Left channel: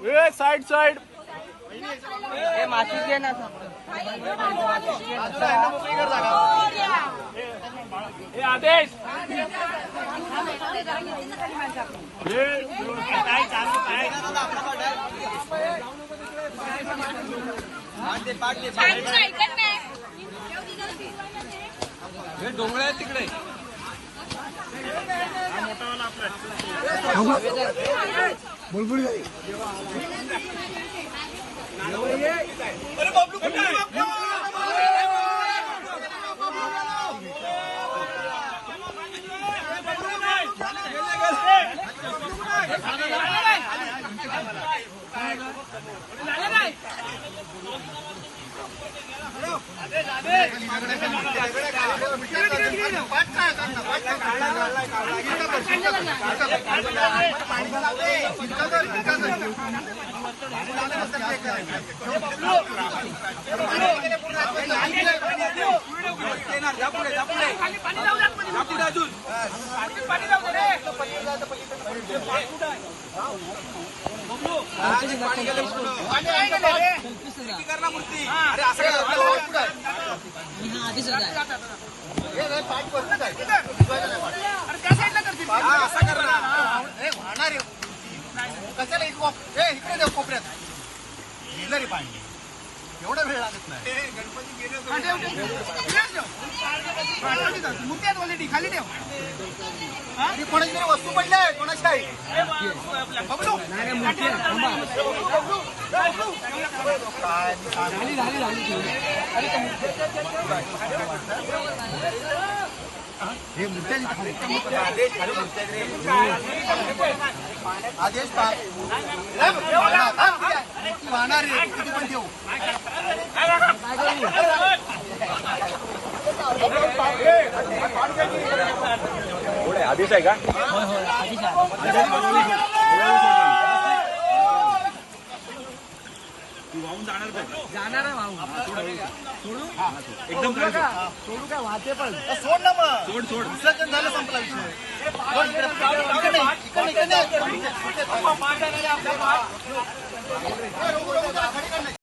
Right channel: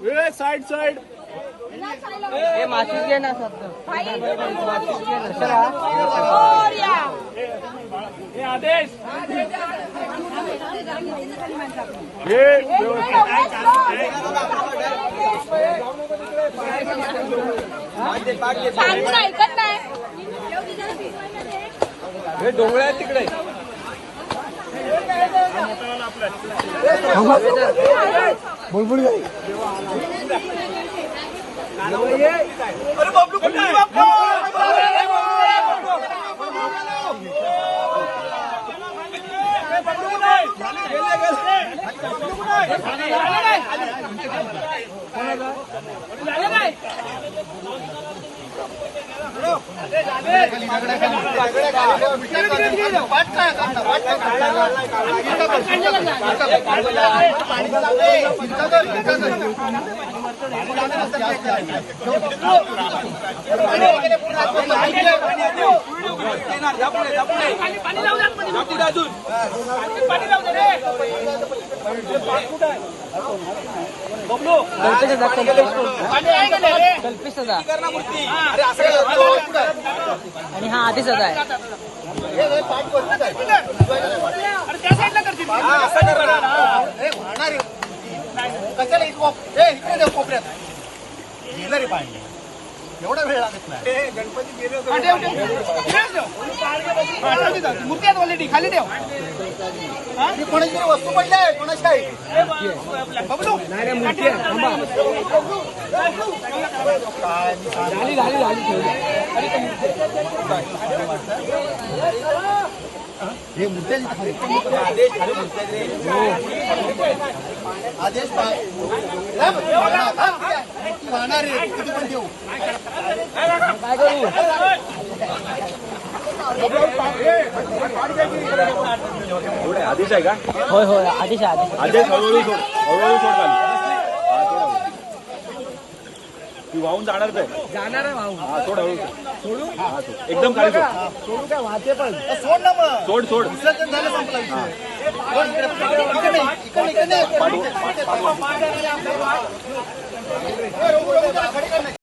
side side आदेश हे डोंगळे आहेत तिकडे बुलबुल गई अरे बबलू आणि हा आधीच आहे कशाला इकडे कोपऱ्यात गेलं रे पाणी एवढा वेळ लागत नाही गणपती मूर्ती आहेत ऑलरेडी खाली ठेव कोणाची तरी वस्तू पडली आहे कोणाची आहे हे मुद्द्याची आदेश वाहणार रे किती पण देऊ काय करू आधीच आहे का होय होय आधीच ती वाहून जाणार आहे वाहून सोड हळू सोडू एकदम खाली सोडू काय वाहते पण सोड ना मग सोड विसर्जन झालं संपला विषय